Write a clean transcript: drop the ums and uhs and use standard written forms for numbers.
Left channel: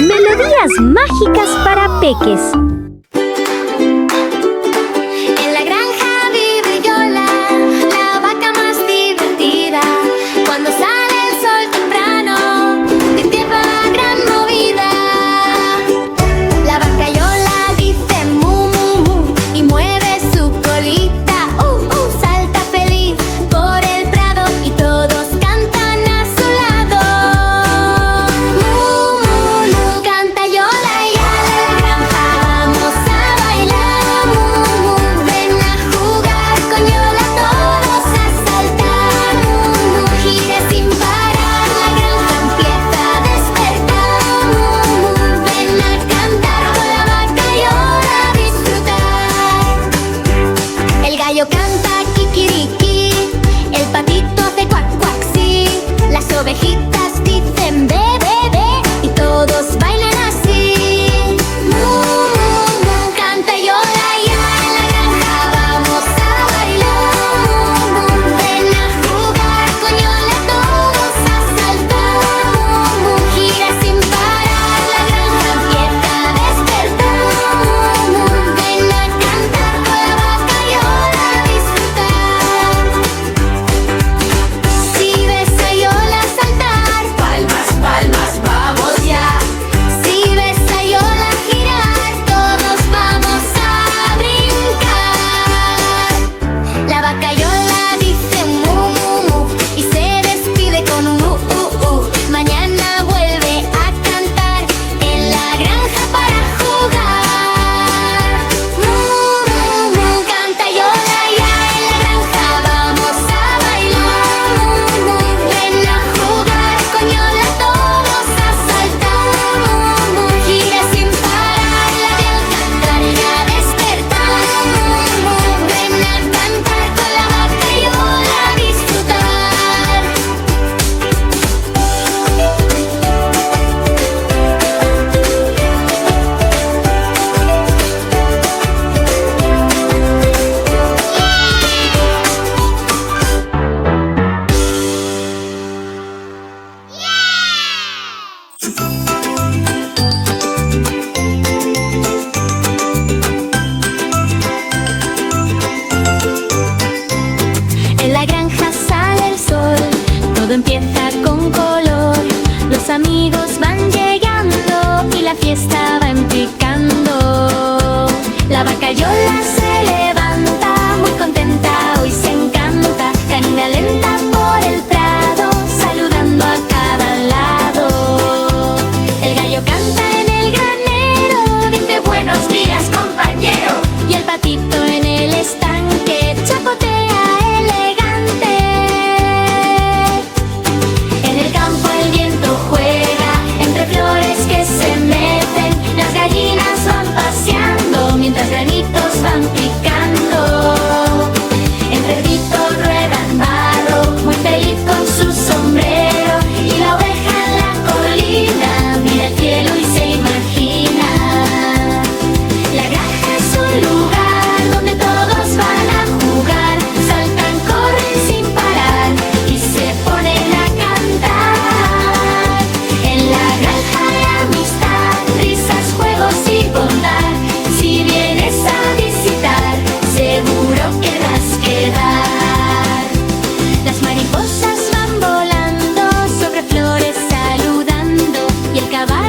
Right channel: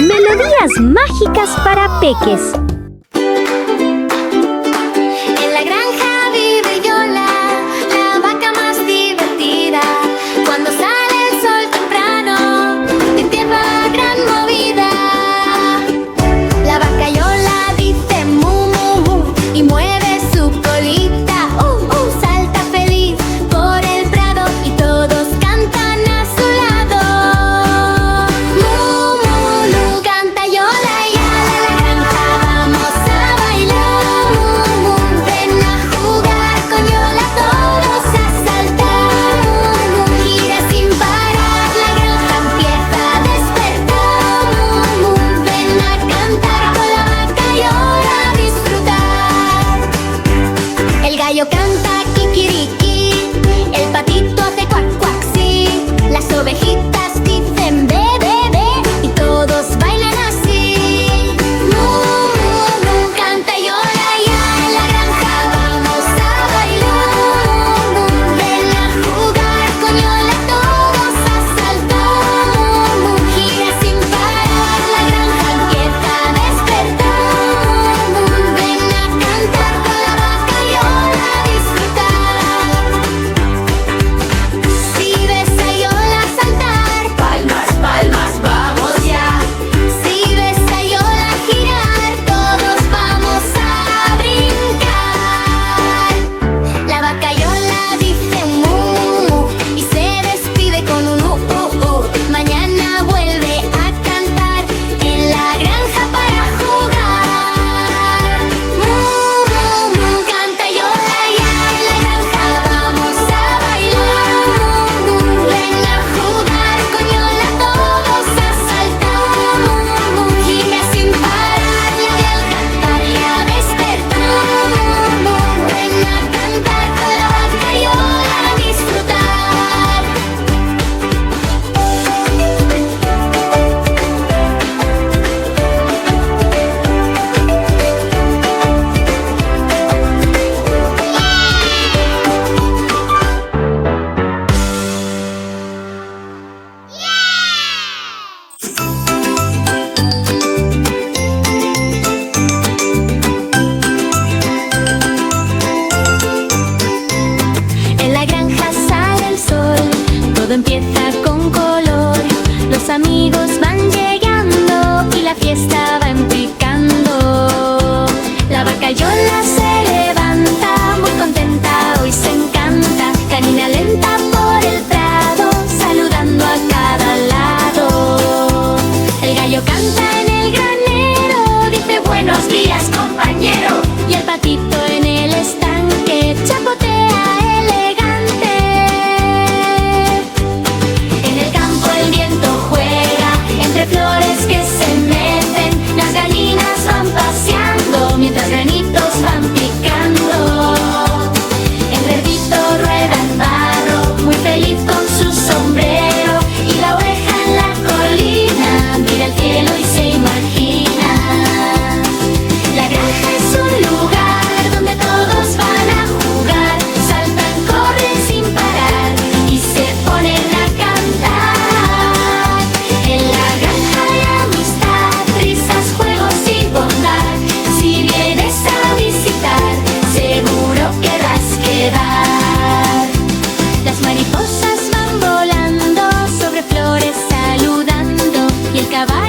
Melodías mágicas para peques. En la granja vive Yola, la vaca más divertida. Cuando sale el sol temprano, empieza la gran movida. La vaca Yola dice mu, mu, mu y mueve su colita. Salta feliz por el prado y todos cantan a su lado. Mu, mu, mu, canta Yola y Ale, la granja vamos a bailar. Mu, mu, ven a jugar con Yola todos a saltar. Mu, mu, gira sin parar, la granja empieza a despertar. Mu, mu, ven a cantar con la vaca Yola a disfrutar. El gallo canta kikiriki, el patito hace cuac cuac sí, las ovejitas dicen be be be y todos bailan así. Mu, mu, mu, canta Yola ya en la granja vamos a bailar. Mu, mu, ven a jugar con Yola todos a saltar. Mu, mu, gira sin parar, la granja empieza a despertar. Mu, mu, ven a cantar con la vaca Yola a disfrutar. Si ves a Yola saltar, palmas, palmas, vamos ya. Si ves a Yola girar, todos vamos a brincar. La vaca Yola dice mu, mu, mu y se despide con un Mañana vuelve a cantar en la granja para jugar. Mu, mu, mu, canta Yola ya en la granja vamos a bailar. Mu, mu, ven a jugar con Yola todos a saltar. Mu, mu, gira sin parar, la de al cantar y a despertar. Mu, mu, ven a cantar con la vaca Yola a disfrutar. En la granja sale el sol, todo empieza con color. Los amigos van llegando y la fiesta va empicando. La vaca Yola se levanta, muy contenta, hoy se encanta. Camina lenta por el prado, saludando a cada lado. El gallo canta en el granero, dice buenos días compañero. Y el patito en el estanque chapotea elegante. En el campo el viento juega entre flores que se mecen. Las gallinas van paseando mientras granitos van picando. El cerdito rueda en barro, muy feliz con su sombrero. Y la oveja en la colina mira el cielo y se imagina. La granja es un lugar donde todos van a jugar. Saltan, corren sin parar y se ponen a cantar. En la granja hay amistad, risas, juegos y bondad. Si vienes a visitar, seguro querrás quedar. Las mariposas van volando sobre flores saludando y el caballo